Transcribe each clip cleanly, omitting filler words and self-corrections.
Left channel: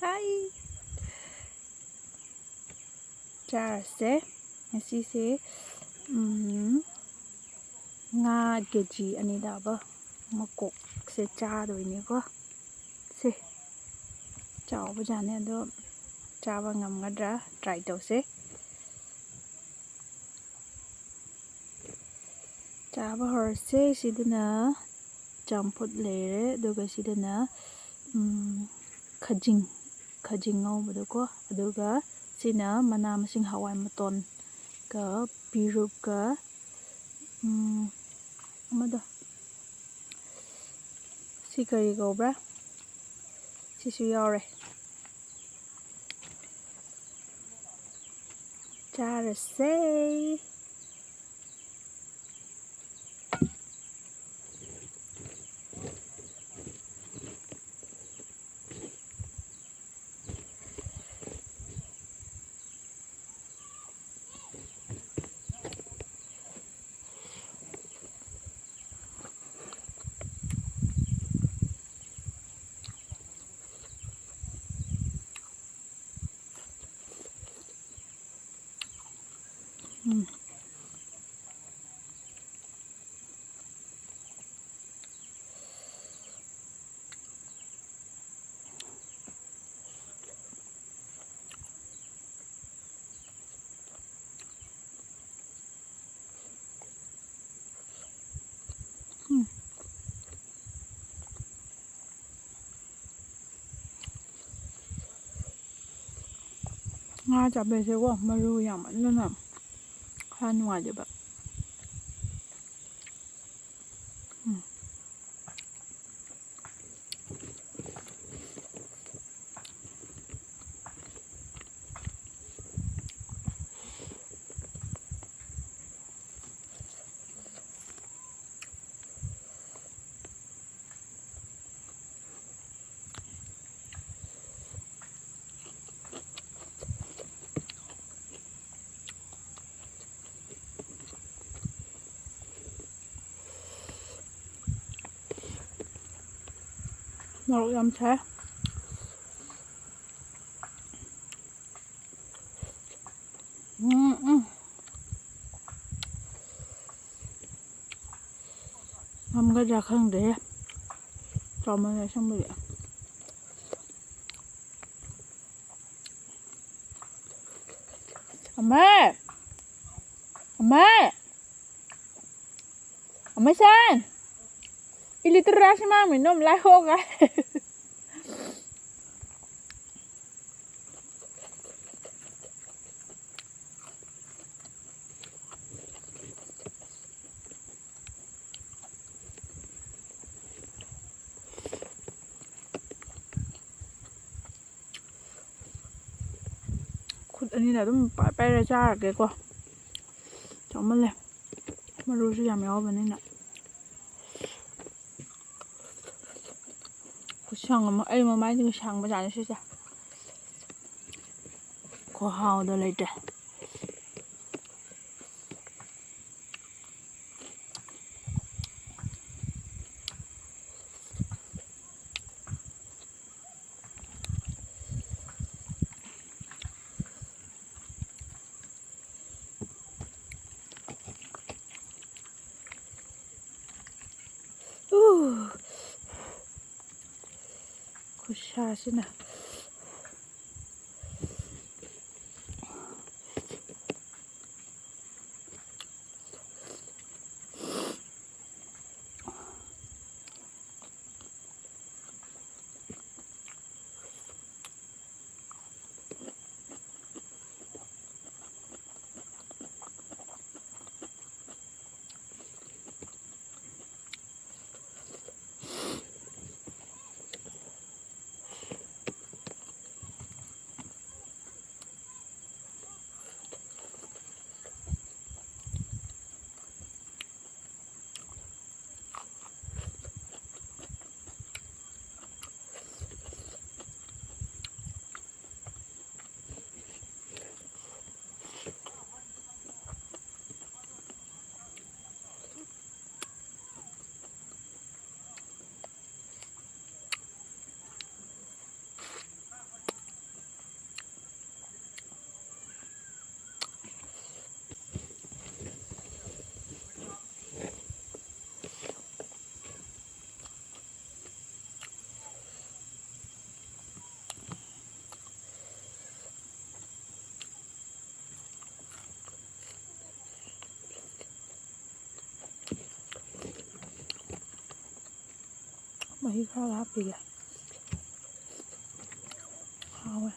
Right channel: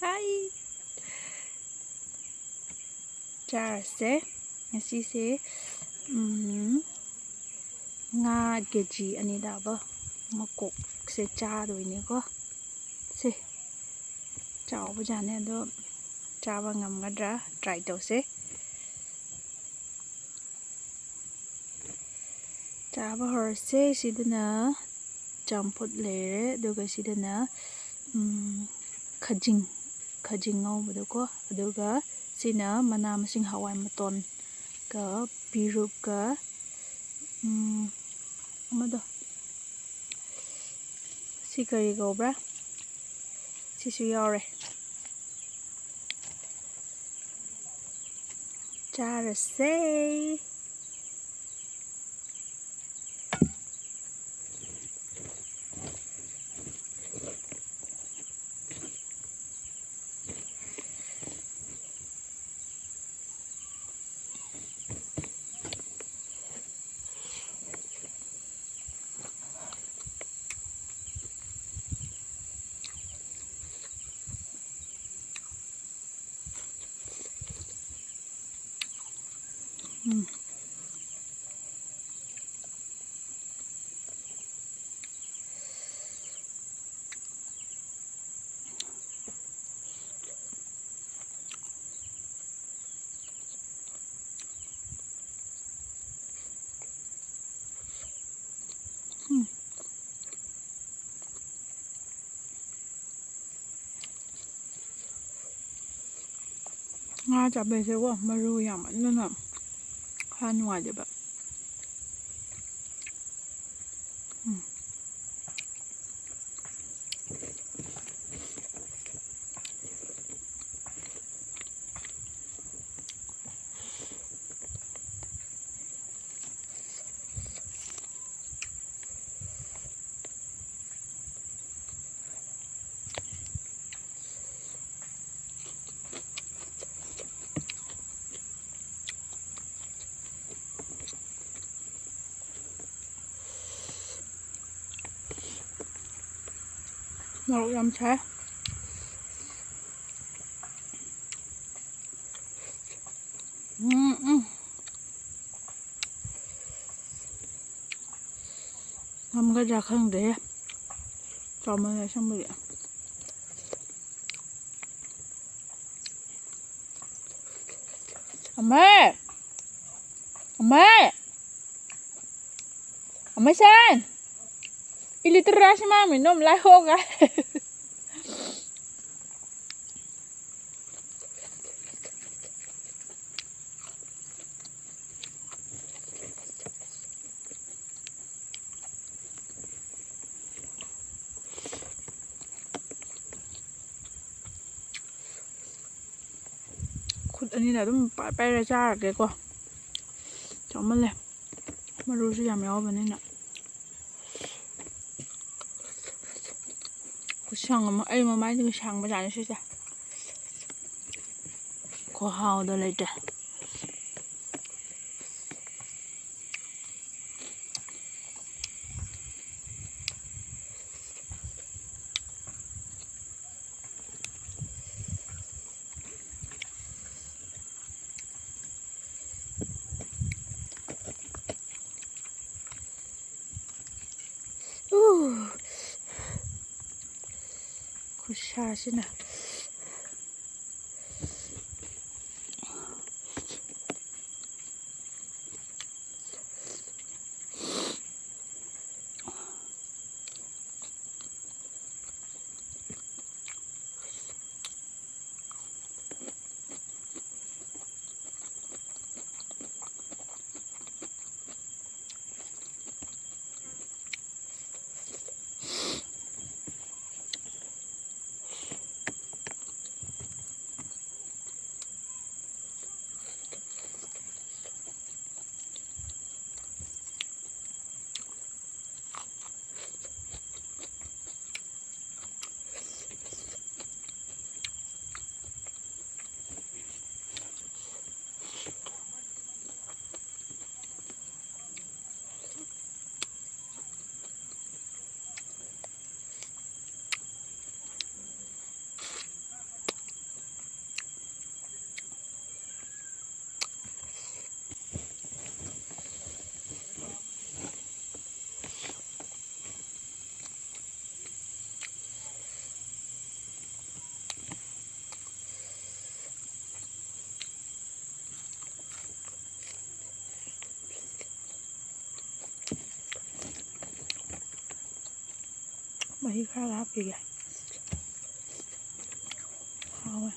Hi! ꯆꯥꯔꯁꯦ ꯉꯁꯤꯁꯦ ꯉꯥ ꯀꯦꯖꯤ 2 ꯇꯥꯕ ꯃꯀꯣꯛꯁꯦ ꯆꯥꯗꯣꯏꯅꯦꯀꯣ ꯁꯦ ꯆꯥꯎꯕꯖꯥꯠꯅꯦ ꯑꯗꯣ ꯆꯥꯕ ꯉꯝꯒꯗ꯭ꯔꯥ ꯇ꯭ꯔꯥꯏ ꯇꯧꯁꯦ ꯆꯥꯕ ꯍꯧꯔꯁꯦ ꯁꯤꯗꯅ ꯆꯝꯐꯨꯠ ꯂꯩꯔꯦ ꯑꯗꯨꯒ ꯁꯤꯗꯅ ꯈꯖꯤꯡ ꯉꯧꯕꯗꯣꯀꯣ ꯑꯗꯨꯒ ꯁꯤꯅ ꯃꯅꯥ ꯃꯁꯤꯡ ꯍꯋꯥꯏ ꯃꯇꯣꯟꯒ ꯄꯤꯔꯨꯛꯀ ꯑꯃꯗꯣ ꯁꯤ ꯀꯔꯤ ꯀꯧꯕ꯭ꯔꯥ ꯁꯤꯁꯨ ꯌꯥꯎꯔꯦ ꯆꯥꯔꯁꯦ ꯉꯥ ꯆꯥꯕꯩꯁꯦꯀꯣ ꯃꯔꯨ ꯌꯥꯝꯃꯟꯗꯅ ꯈꯔ ꯅꯨꯡꯉꯥꯏꯇꯦꯕ ꯃꯣꯔꯣꯛ ꯌꯥꯝ ꯁꯥꯏ ꯉꯝꯒꯗ꯭ꯔꯥ ꯈꯪꯗ꯭ꯔꯦ ꯆꯥꯎꯃꯜꯂꯦ ꯑꯁꯦꯡꯕꯒꯤ ꯑꯃꯁꯟ iliterasi mami nom lai hoga ꯈꯨꯠ ꯑꯅꯤꯅ ꯑꯗꯨꯝ ꯄꯥꯏꯔ ꯆꯥꯔꯒꯦꯀꯣ ꯆꯥꯎꯃꯜꯂꯦ ꯃꯔꯨꯁꯨ ꯌꯥꯝ ꯌꯥꯎꯕꯅꯤꯅ ꯈꯨꯠꯁꯥꯡ ꯑꯃ ꯑꯩ ꯃꯃꯥꯏꯗꯒꯤ ꯁꯥꯡꯕꯖꯥꯠꯅꯤ ꯁꯤꯁꯦ ꯈꯨꯍꯥꯎꯗꯣ ꯂꯩꯇꯦ ꯈꯨꯠꯁꯥꯁꯤꯅ ꯃꯍꯤ ꯈꯔ ꯍꯥꯞꯄꯤꯒꯦ ꯍꯥꯎꯋꯦ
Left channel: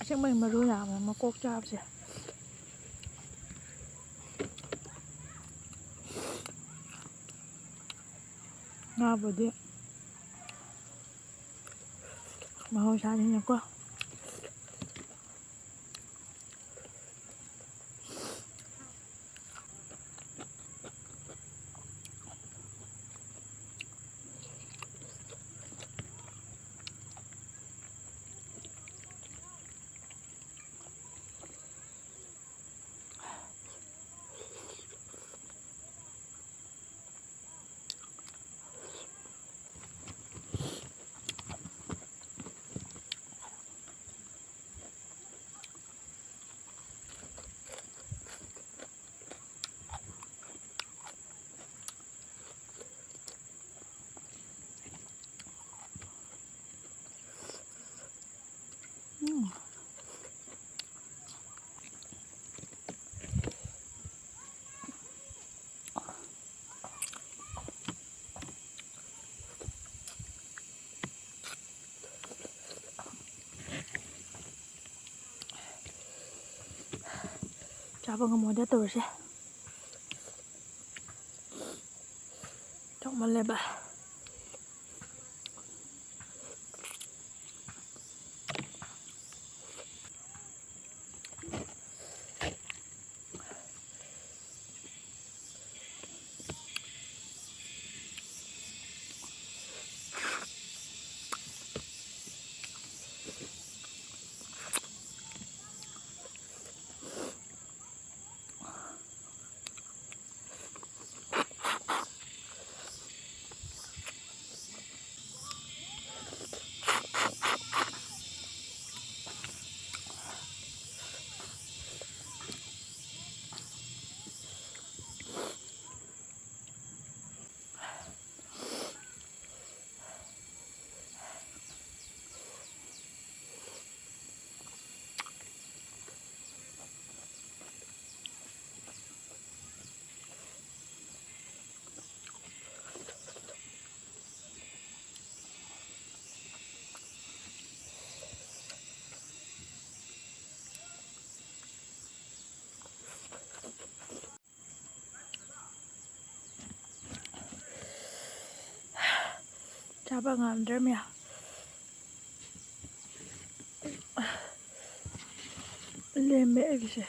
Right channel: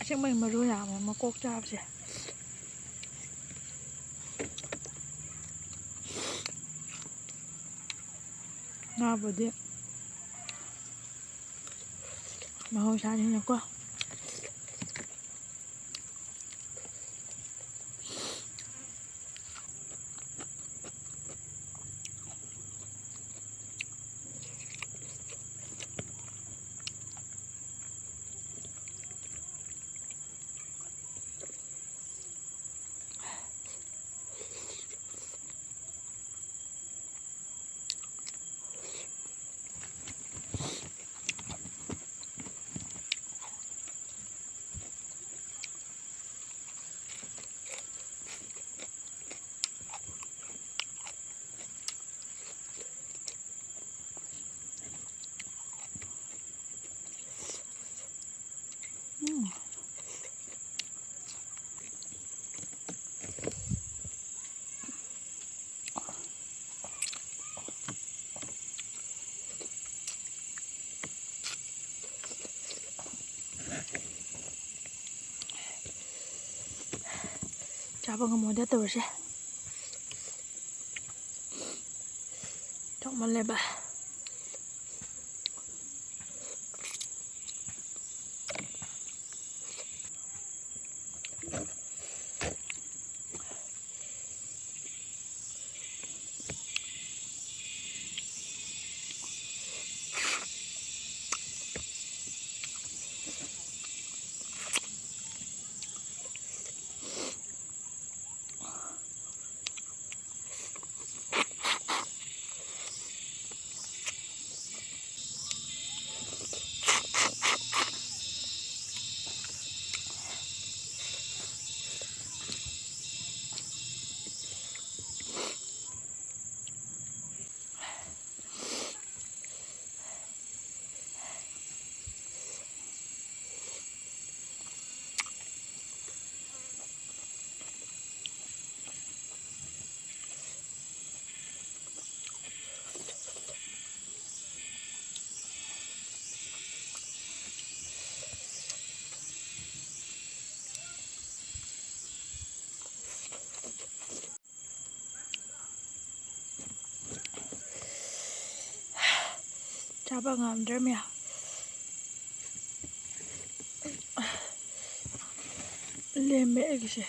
ꯑꯁꯦꯡꯕꯩ ꯃꯔꯨ ꯌꯥꯝꯃꯦ ꯃꯀꯣꯛ ꯆꯥꯕꯁꯦ ꯉꯥꯕꯨꯗꯤ ꯃꯍꯧꯁꯥꯅꯤꯅꯀꯣ ꯆꯥꯕ ꯉꯝꯃꯣꯏꯗ ꯇꯧꯔꯤꯁꯦ ꯆꯥꯎꯃꯜꯂꯦꯕ ꯆꯥꯕ ꯉꯝꯗ꯭ꯔꯃꯦ ꯂꯦꯝꯃꯦ ꯑꯩꯒꯤꯁꯦ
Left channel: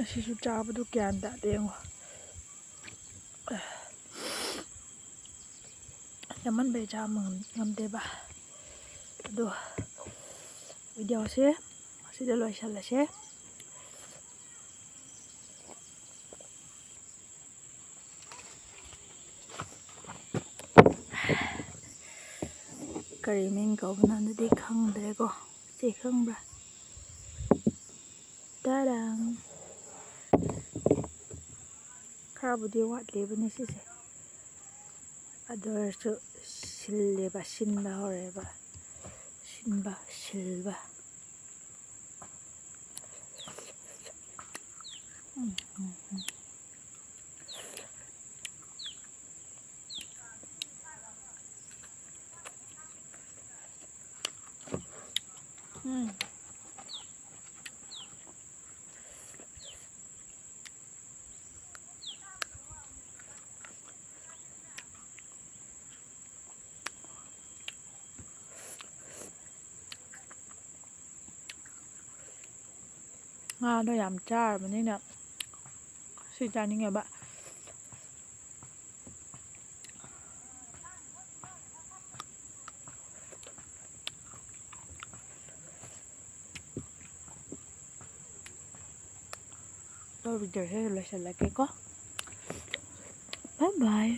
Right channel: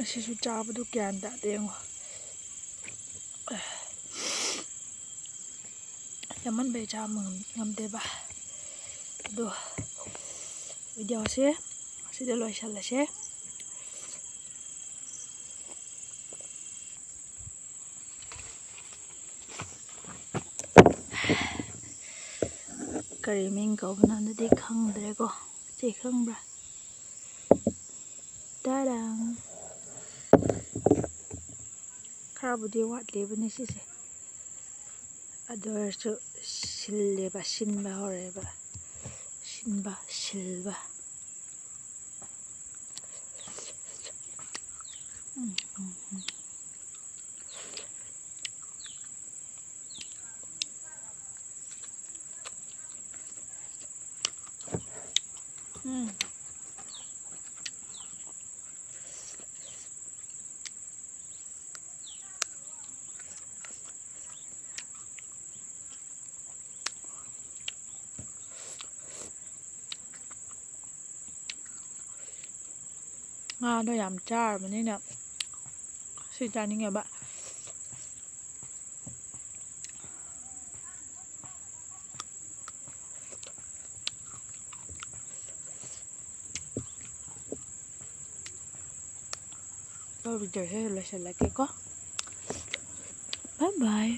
ꯑꯁꯤꯁꯨ ꯆꯥꯕꯗꯨ ꯒ꯭ꯌꯥꯟ ꯇꯥꯗꯦ ꯌꯦꯡꯉꯣ ꯌꯥꯝꯃꯟꯕꯩ ꯆꯥꯕ ꯉꯝꯗꯦꯕ ꯑꯗꯣ ꯚꯤꯗꯤꯑꯣꯁꯦ ꯑꯁꯤꯗ ꯂꯣꯏꯁꯜꯂꯁꯦ ꯀꯔꯤ ꯃꯤꯡ ꯀꯧꯕꯅꯣꯗꯤ ꯈꯪꯗ꯭ꯔꯦꯀꯣ ꯆꯦ ꯈꯪꯕ꯭ꯔꯥ ꯇꯥꯔꯥꯡ ꯈꯔꯕꯨꯗꯤ ꯋꯥꯠꯂꯤꯕꯅꯤ ꯁꯤꯁꯦ ꯑꯗꯨ ꯑꯣꯏꯔꯁꯨ ꯁꯤꯜꯂꯦꯕ ꯁꯤꯟꯕ ꯍꯧꯔꯦꯕ ꯁꯤꯜꯕ ꯎꯝ ꯎꯝ ꯎꯝ 음. ꯉꯥꯗꯣ ꯌꯥꯝ ꯆꯥꯔꯕꯅꯤꯅ ꯁꯤ ꯆꯥꯅꯤꯡꯉꯦꯕ ꯚꯤꯗꯤꯑꯣꯁꯦ ꯂꯣꯏꯁꯤꯜꯂꯒꯦꯀꯣ ꯕꯥꯏ ꯕꯥꯏ